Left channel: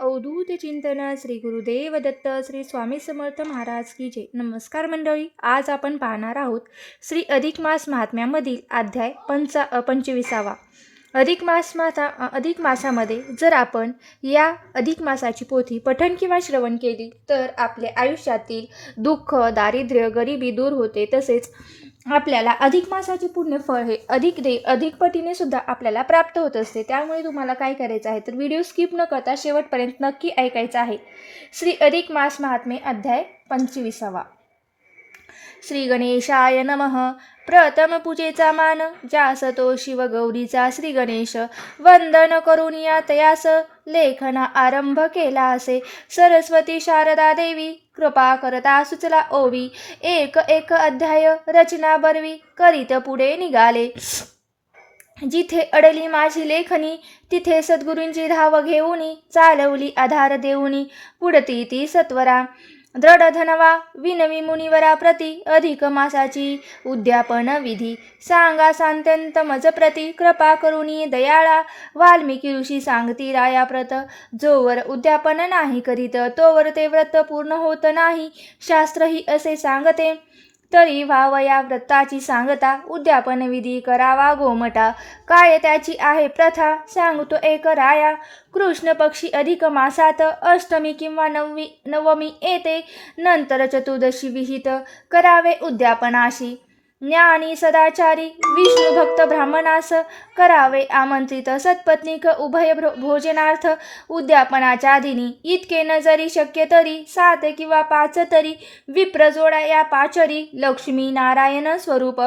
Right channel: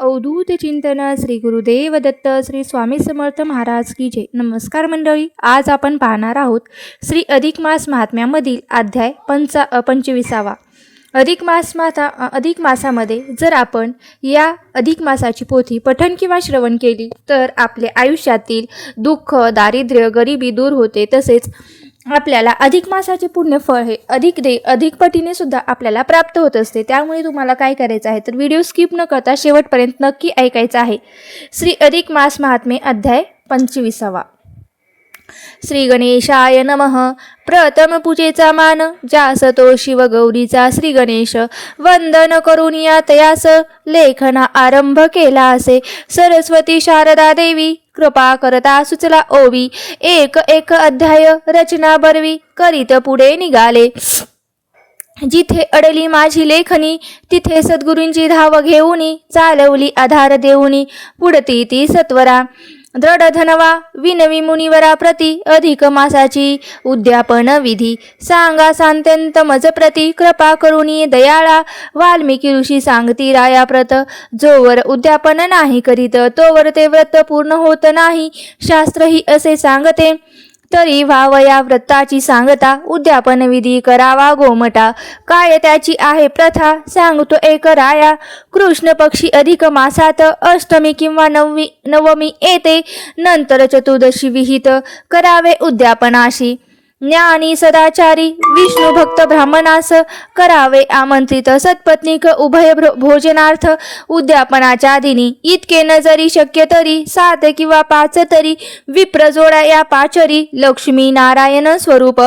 अवधूत चिंतन श्री गुरुदेव दत्त श्री स्वामी समर्थ महाराज की जय. नमस्कार मंडळी, आज आपण पाहणार आहोत श्री अधिक मास महात्म्यामधील अध्याय 25. अधिक मासामध्ये जर आपण या अधिक मासाची पोथी पठण किंवा श्रवण केली तर आपल्या आयुष्यातील दुःख, दारिद्र्य, गरिबी दूर होते. तसेच आपल्याला अधिक मासाचे पुण्यफळ हे अधिक पटीने सुद्धा आपल्याला प्राप्त होत असते. त्यामुळे तुम्हाला काय करायचं आहे तर व्हिडिओ स्किप न करता शेवटपर्यंत नक्की ऐकायचा आहे. श्री अधिक मास महात्म्य अध्याय 25. श्री गणेशाय नमः. प्रथम पूजेचा मान ज्यास तो शिव गौरीचा श्री गणेश वंदन करून या तयास लेखना आरंभ केला असे. सरस्वती शारदा देवी कृपा करता सुचला ओवी. एक अध्याय रचना बरवी करीत पुढे निघाले. जिथे अडली माझी लेखनी तिथे सद्गुरूंची धाव घेऊनी चालवली आधार देऊनी पुढती ती सत्वरा. दृढ धनवा विनवी मुनिवरा प्रती अधिक मासाची उद्यापन विधी सांगा सांत्यंत मज प्रती कृपा करुणी दयाळा. वाल्मिकी ऋषी सांगती राया प्रत जोवर उद्यापन नाही करीत तोवर ते व्रत पूर्ण होत नाही. शास्त्र ही असे सांगते तरी व्हावया व्रताची सांगता. उद्यापन विधी करावा गोमटा काय त्याची आहे प्रथा सांगतो एक राया. कृष्ण पक्षी अधिक मासात अष्टमी किंवा नवमी येते नंतर चतुर्दशी विहित करावे उद्यापनाशी. ज्ञानी सदाचारी विष्णू भक्त ब्राह्मणास करावे आमंत्रित सत्पत्नीक उभय भोजनार्थ. उद्यापनाच्या दिनी इतके न जरी शक्य तरी 7 किंवा 5 तरी विप्र जोडा या पाचरी. लक्ष्मी नारायण स्वरूप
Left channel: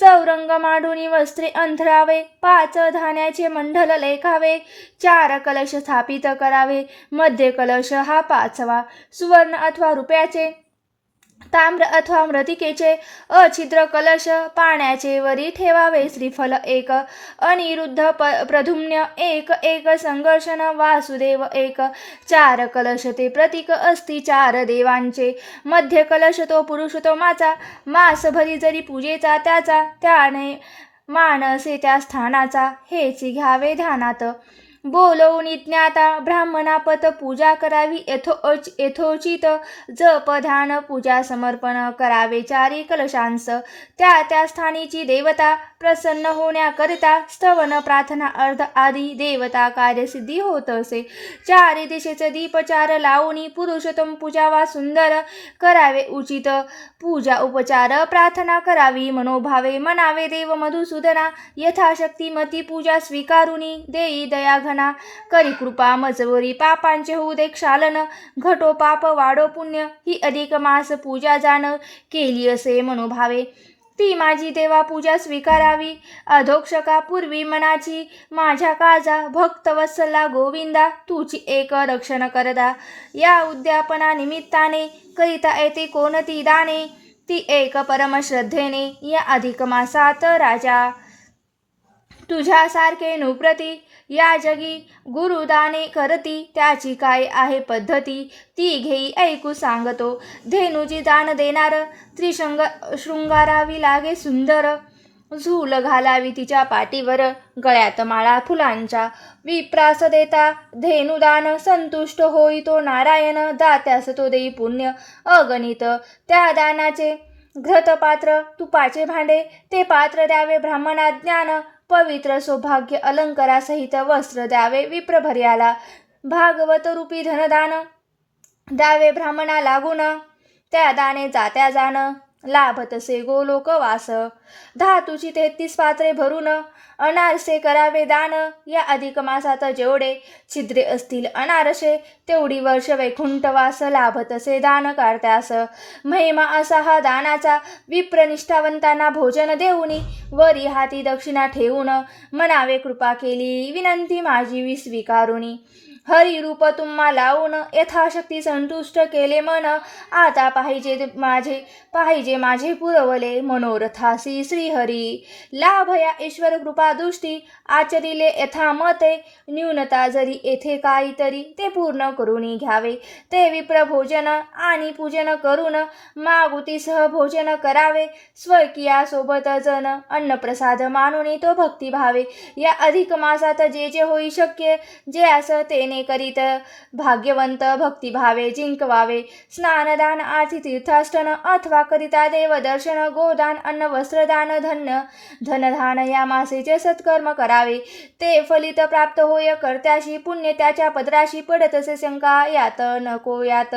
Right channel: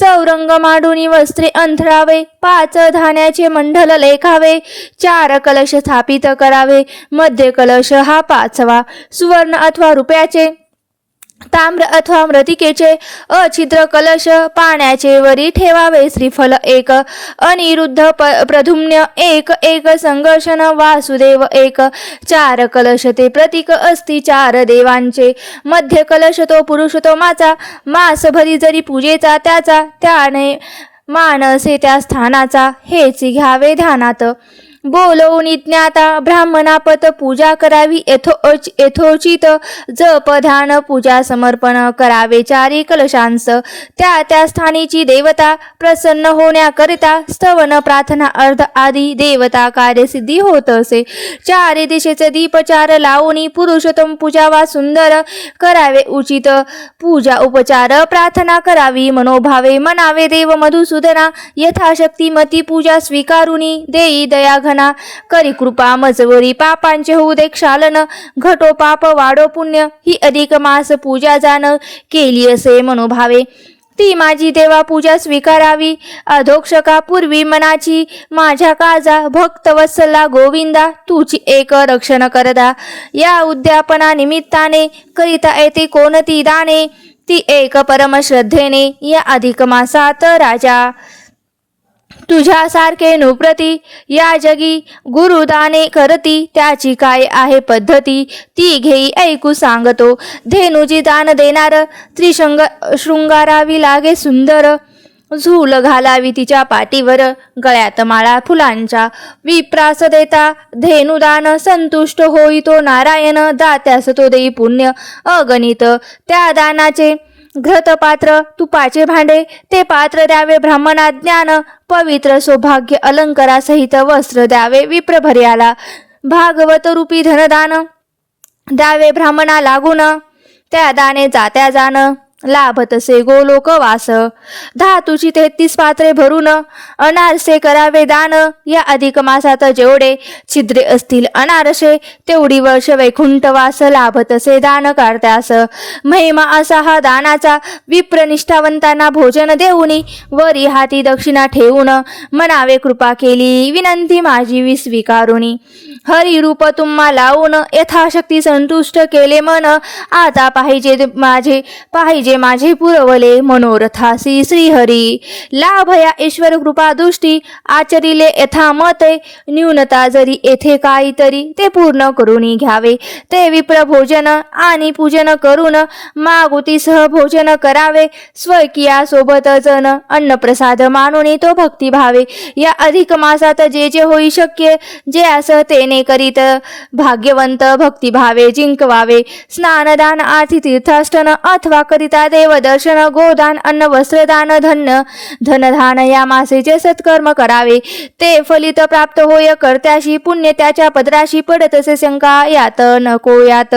चौरंग मांडुनी वस्त्रे अंथरावे. 5 धान्याचे मंडल लेखावे. 4 कलश स्थापित करावे. मध्य कलश हा 5वा सुवर्ण अथवा रुपयाचे ताम्र अथवा मृतिकेचे अछिद्र कलश पाण्याचे वरी ठेवावे. श्रीफल 1 अनिरुद्ध प्रधुम्न 1 संघर्षण वासुदेव 1. 4 कलश ते प्रतीक असती 4 देवांचे. मध्य कलश तो पुरुषोत्तमाचा मासभरी जरी पूजेचा त्याचा. त्याने मानसे त्या स्थानाचा हेच घ्यावे ध्यानात. बोलवून ज्ञाता ब्राह्मणापत पूजा करावी यथोचित. जप ध्यान पूजा समर्पण करावे 4 कलशांस. त्या स्थानीची देवता प्रसन्न होण्याकरिता स्तवन प्रार्थना अर्ध आदी देवता कार्यसिद्धी होत असे. 4 दिशेचे दीप 4 लावून पुरुषोत्तम पूजा वा सुंदर करावे उचित. पूजा उपचार प्रार्थना करावी मनोभावे. म्हणावे देव मधुसूदना यथाशक्ती मती पूजा स्वीकारुनी देई दया घना. करी कृपा मजवरी पापांचे होऊ दे क्षालन. घटो पाप वाढो पुण्य ही अधिक मास पूजा जाण केली असे मनोभावे. ती माझी देवा पूजा स्वीकारावी. अधोक्षका पूर्वी मनाची माझ्या काळजा भक्त वत्सला गोविंदा तुझी एक रक्षण करता. या उद्यापना निमित्ताने करिता येते कोणती दाने ती एक परम श्रद्धेने या अधिक मासात राजा. तुझ्यासारखे नुप्रती या जगी गुरुदाने करती. त्याची काय आहे पद्धती ती घेई ऐकू सांगतो. धेनुजी दान देणार शृंगारावी लागे सुंदर. झूल घालावी तिच्या पाठीवर गळ्यात माळा फुलांच्या. विप्रास देता धेनुदान संतुष्ट होई तो नारायण. दात्यास तो देई पुण्य अगणित. त्या दानाचे घृतपात्र तुपाचे भांडे ते पात्र द्यावे ब्राह्मणा ज्ञान. पवित्र सौभाग्य अलंकारासहित वस्त्र द्यावे विप्रभर्याला. भागवत रूपी धनदान द्यावे ब्राह्मणा लागून. त्या दाने जात्या जाण लाभतसे गोलोक वास. धातूची 33 पात्रे भरून अनारसे करावे दान. या अधिक मासात जेवढे छिद्रे असतील अनारसे तेवढी वर्ष वैकुंठवास लाभतसे दान करत्यास. महिमा असा हा दानाचा. विप्र निष्ठावंतांना भोजन देऊनी वरी हाती दक्षिणा ठेवून म्हणावे कृपा केली विनंती माझी स्वीकारुनी. हरी रूप तुम्हा लावून यथाशक्ती संतुष्ट केले मन. आता पाहिजे माझे पुरवले मनोरथासी श्रीहरी. लाभ या ईश्वर कृपा दृष्टी आचरिले यथा मते. न्यूनता जरी येथे काहीतरी ते पूर्ण करून घ्यावे. ते विप्र भोजन आणि पूजन करून मागुतीसह भोजन करावे. स्वकीया सोबत जन अन्नप्रसाद मानून तो भक्तिभावे. या अधिक मासात जे जे होई शक्य जे असं तेने दाने करीत भाग्यवंत भक्तिभावे जिंकवावे. स्नानदान आरती तीर्थाटन अथवा करिता देवदर्शन गोदान अन्न वस्त्रदान धनधान या मासेचे सत्कर्म करावे. ते फलित प्राप्त होय कर्त्याशी पुण्य त्याच्या पदराशी पडत असे शंका यात नको यात.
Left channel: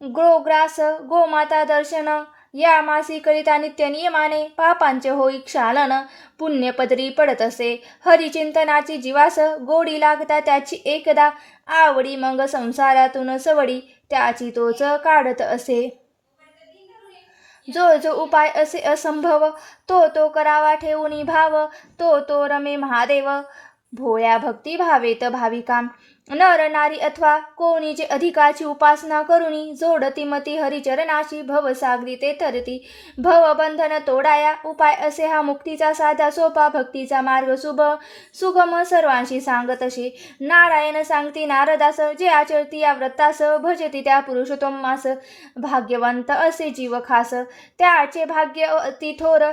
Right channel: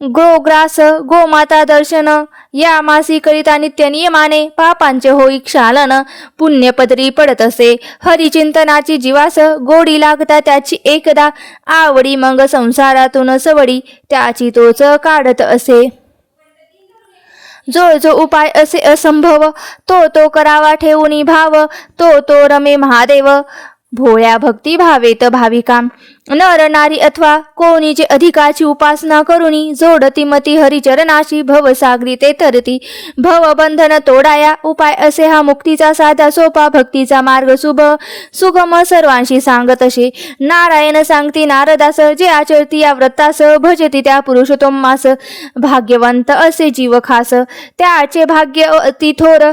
गोग्रास गोमाता दर्शन या मासी करिता नित्य नियमाने पापांचे होई क्षालन पुण्यपदरी पडत असे. हरिचिंतनाची जीवास गोडी लागता त्याची एकदा आवडी मग संसारातून सवडी त्याची तोच काढत असे. जो जो उपाय असे असंभव तो करावा ठेवून भाव तो रमे महादेव भोळ्या भक्ती भावेत भाविका. नर नारी अथवा कोणी जे अधिकाची उपासना करुनी जोडती मती हरिचरणाशी भवसागरी ते तरती. भवबंधन तोडाया उपाय असे हा मुक्तीचा साधा सोपा भक्तीचा मार्ग सुगम सर्वांशी सांगत असे. नारायण सांगती नारदास जे आचरती या व्रतास भजती त्या पुरुषोत्तमास भाग्यवंत असे जीव खास. त्याचे भाग्य अति थोर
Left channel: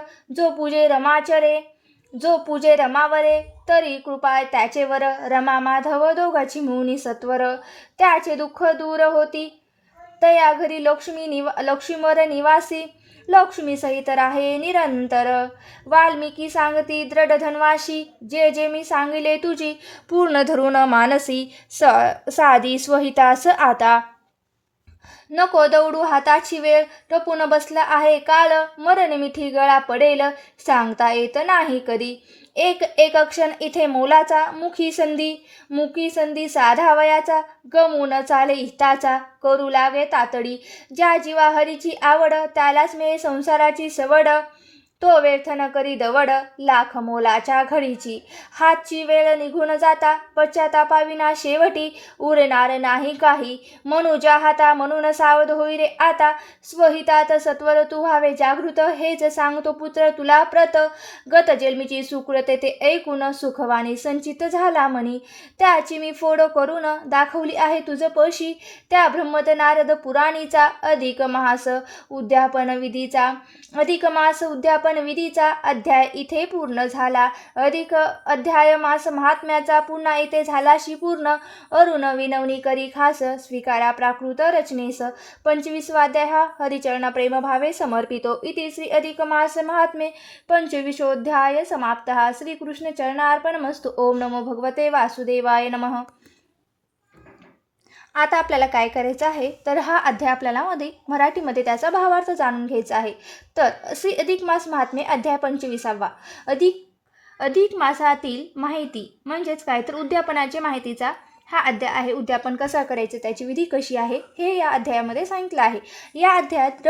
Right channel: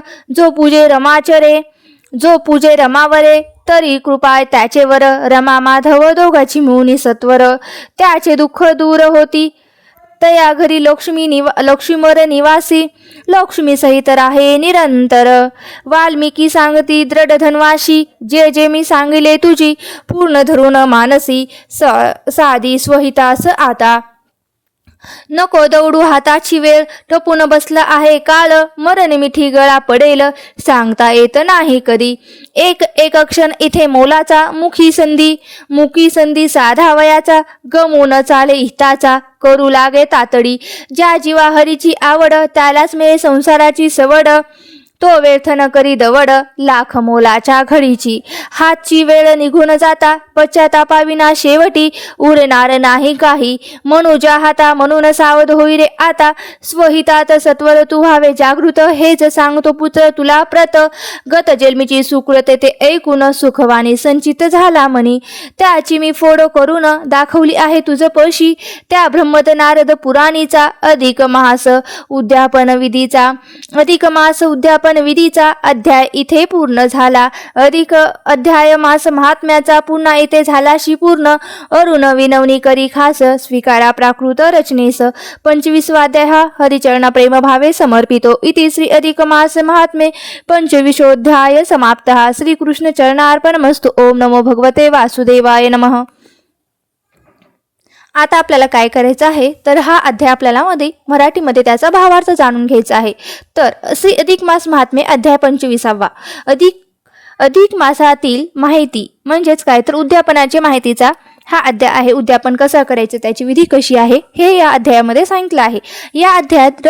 जो पूजे रमावरे तरी कृपा त्याचेवर रमा माधव दोघाची मिळून सत्वर. त्याचे दुःख दूर होती तया घरी लक्ष्मीवर निवासी लक्ष्मी सहित राहे निरंतर. वाल्मिकी सांगती दृढ धनवाशी जे मी सांगिले तुझी पूर्ण धरून मानसी. साधी स्वहितास आता नको दौडू हाताची वेळ टपून बसला आहे काळ. मरण मिठी गळा पडेल सांगता येत नाही कधी. एक क्षण इथे मोलाचा मुखी संधी साधावयाचा गमून चाले हिताचा करू लागे तातडी. ज्या जीवा हरीची आवड त्यालाच मिळे संसाराची सवड. तो व्यर्थ न करी दवड लाख मोलाच्या घडीची. हातची वेळ निघून जाता पश्चातापाविना शेवटी उरणार नाही काही. मनुजा हाता म्हणून सावध होई रे आता. स्वहितात सत्वर तू व्हावे जागृत हेच सांगतो पुत्र तुला प्रत. गत जन्मीची सुकृत ते ऐकून सुखवाणी संचित झाला मनी. त्याची मी फोड करून दाखवली आहे तुझ पशी. त्या ब्रह्मत नारद पुराणीचा अधिक मास उद्यापन विधीचा अध्याय इथे पूर्ण झाला. अधिक अध्याय मास महात्म्याचा पुन्हा इथे झालाशी पूर्ण. अरुण विनवणी करी खास स्वीकारा प्राकृत रचनेस. 25वा अध्याय हा हरिचरणा प्रेम भावे समर्पितो. इति श्री अधिक मास महात्मे 25ोऽध्याय समाप्तः. श्रीकृष्ण चरणार्पणमस्तु. ओम नमो भगवते वासुदेवाय नमः. आता आपल्याला काय करायचं आहे तर हा अध्याय आपल्याला मराठीमध्ये त्याचा भावार्थ जाणून घ्यायचा आहे. तर श्री अधिक मास महात्मे अध्याय 25वा. अधिक मासातील माहिती म्हणजेच काय तर उद्यापनाची माहितीचा हा अध्याय आहे. उद्यापन कसं करायचं त्याची विधी कशी आहे हे या अध्यायामध्ये सांगितलं आहे. या अध्यायात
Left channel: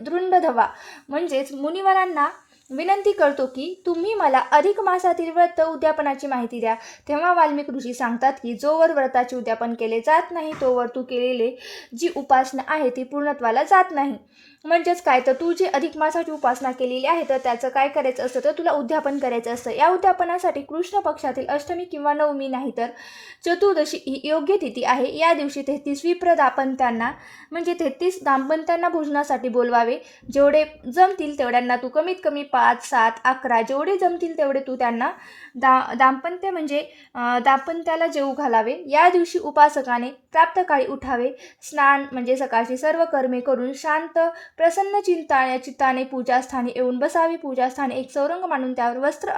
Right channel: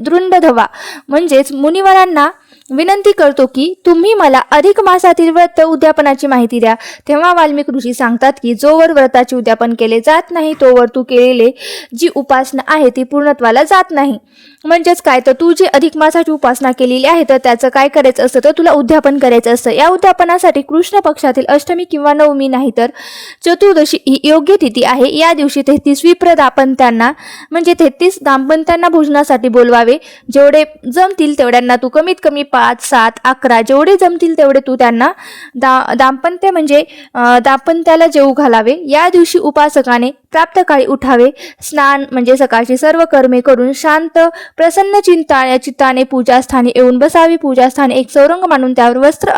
दृंडधवा म्हणजेच मुनिवरांना विनंती करतो की तुम्ही मला अधिक मासातील व्रत उद्यापनाची माहिती द्या. तेव्हा वाल्मिक ऋषी सांगतात की जोवर व्रताचे उद्यापन केले जात नाही तोवर तू केलेले जी उपासना आहे ती पूर्णत्वाला जात नाही. म्हणजेच काय तर तू जी अधिक मासाची उपासना केलेली आहे तर त्याचं काय करायचं असतं तर तुला उद्यापन करायचं असतं. या उद्यापनासाठी कृष्ण पक्षातील अष्टमी किंवा नवमी नाही तर चतुर्दशी ही योग्य तिथी आहे. या दिवशी 33 विप्र दाम्पत्यांना म्हणजे 33 दाम्पत्यांना भोजनासाठी बोलवावे. जेवढे जमतील तेवढ्यांना तू कमीत कमी 5, 7, 11 जेवढे जमतील तेवढे तू त्यांना दाम्पत्य म्हणजे दाम्पत्याला जेवू घालावे. या दिवशी उपासकाने प्राप्तकाळी उठावे. स्नान म्हणजे सकाळची सर्व कर्मे करून शांत प्रसन्न चित्ताने पूजास्थानी येऊन बसावी. पूजास्थानी एक चौरंग मांडून त्यावर वस्त्र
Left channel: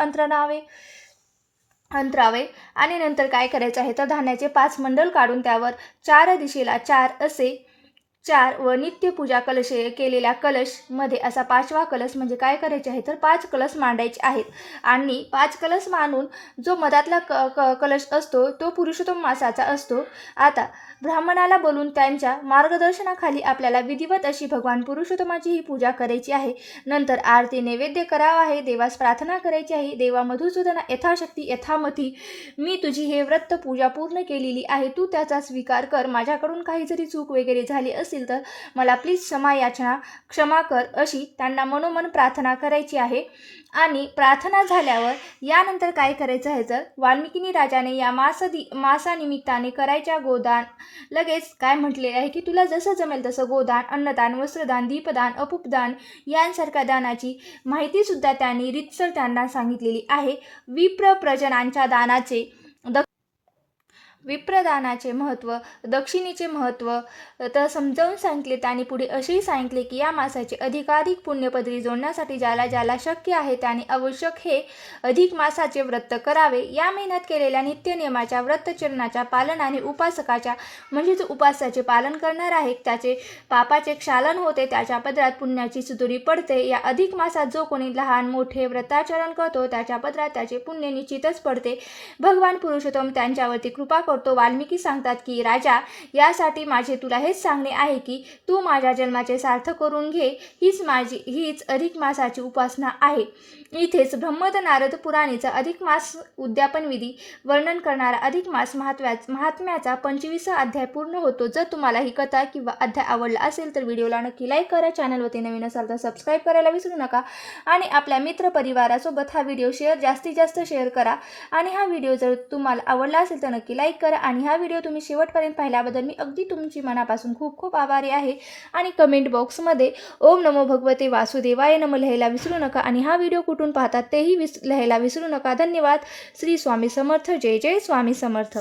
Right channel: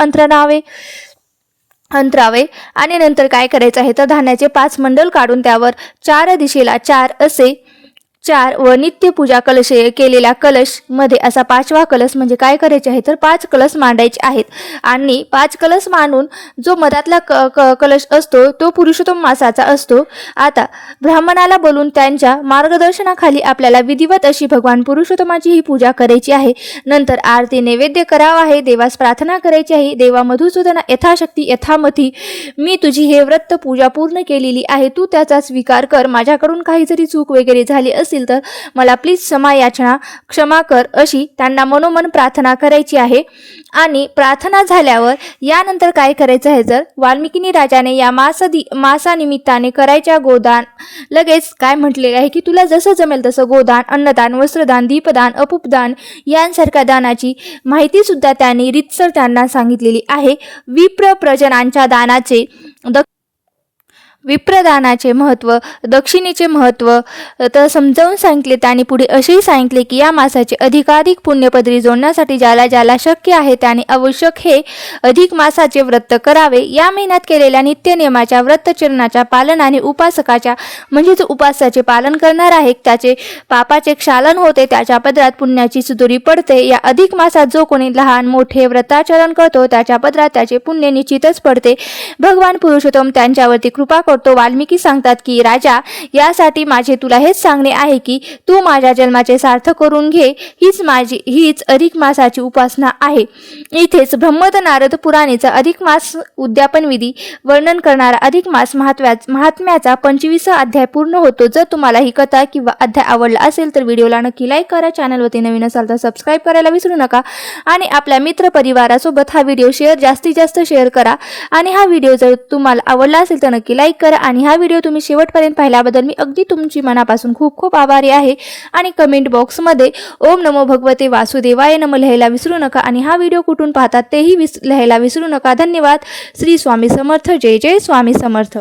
अंतरावे आणि नंतर काय करायचं आहे तर धान्याचे 5 मंडल काढून त्यावर 4 दिशेला 4 असे 4 व नित्य पूजा कलश केलेल्या कलश मध्ये असा 5वा कलश म्हणजे काय करायचे आहे तर 5 कलश मांडायचे आहेत. आणि 5 कलश मांडून जो मधातला कलश असतो तो पुरुषोत्तम मासाचा असतो. आता ब्राह्मणाला बोलून त्यांच्या मार्गदर्शनाखाली आपल्याला विधिवत अशी भगवान पुरुषोत्तमाची ही पूजा करायची आहे. नंतर आरती नैवेद्य करावा आहे. देवास प्रार्थना करायची आहे. देवा मधुसूदना यथाशक्ती यथामती मी तुझी हे व्रत पूजा पूर्ण केलेली आहे. तू त्याचा स्वीकार कर. माझ्याकडून काही जरी चूक वगैरे झाली असेल तर मला प्लीज क्षमा कर अशी त्यांना मनोमन प्रार्थना करायची आहे. आणि प्रार्थना झाल्यावर यानंतर काय करायचं आहे तर वाल्मिकी राजाने या मासानिमित्ताने करायच्या गोदान लगेच काय म्हटलेलं आहे की तुला जसं जमेल तसं गोदान अन्नदान वस्त्रदान दीपदान अपूपदान यांसारख्या दानाची माहिती सुद्धा त्यांनी रीतसर त्यांना सांगितलेली आहे. विप्र प्रजनांच्या दानाचे विप्रदानाचे महत्त्व, दक्षिणेचे महत्त्व तर समजावून सांगितले. आणि पुढे असेही सांगितले की या मासाचे अधिकाधिक पुण्यपदरी जोडण्यासाठी ज्याला ज्याला शक्य आहे त्याने आवश्यक हे अधिक मासाचे व्रत करावे. या महिन्यात केलेल्या नित्यनियमाच्या व्रतचरणाच्या पालनाने उपासकाच्या म्हणजेच उपासाचे पालन करणार आहे त्याचे पापाचे क्षालन होते, त्याच्या पदरात पुण्याची सुतुरी पडते. या अधिक मासात जो कोणी लहान मोठे व्रताचरण करतो त्याच्या पदरात त्याचे पुण्य निश्चितच पडते. भगवान पुरुषोत्तम त्यांच्यावरती कृपा करतो. वाल्मिकी सांगतात की राजा, यासाठी माझे तुला हेच सांगणे आहे की तू माझ्या जन्माचे सार्थक करून घे. हीच अधिक मासाची उपासना आहे. इथेच ब्रह्मद नारद पुराणेचा अधिक मास उद्यापन विधी वर्णन करणारा अधिक मास महात्म्याचा 25 अध्याय पूर्ण होतो. जर तुम्हाला ही कथा किंवा अध्याय आवडला असेल तर व्हिडिओला नक्की लाईक करा. चॅनलवरती नवीन असाल तर सबस्क्राईब करायला विसरू नका आणि आपल्या मित्र परिवारासोबत हा व्हिडिओ जास्तीत जास्त शेअर करा. आणि हा व्हिडिओ जर तुम्हाला आवडला असेल तर नक्की लाईक करा. आणि हा व्हिडिओ तुम्ही शेवटपर्यंत पाहिल्याबद्दल मी अगदी तुमची मनापासून खूप खूप आभारी आहे. आणि कमेंट बॉक्समध्ये ओम नमो भगवते वासुदेवाय नमः लिहायला विसरू नका. आणि हा व्हिडिओ कुठून पाहतात तेही लिहायला विसरू नका. धन्यवाद. श्री स्वामी समर्थ. जय जय स्वामी समर्थ.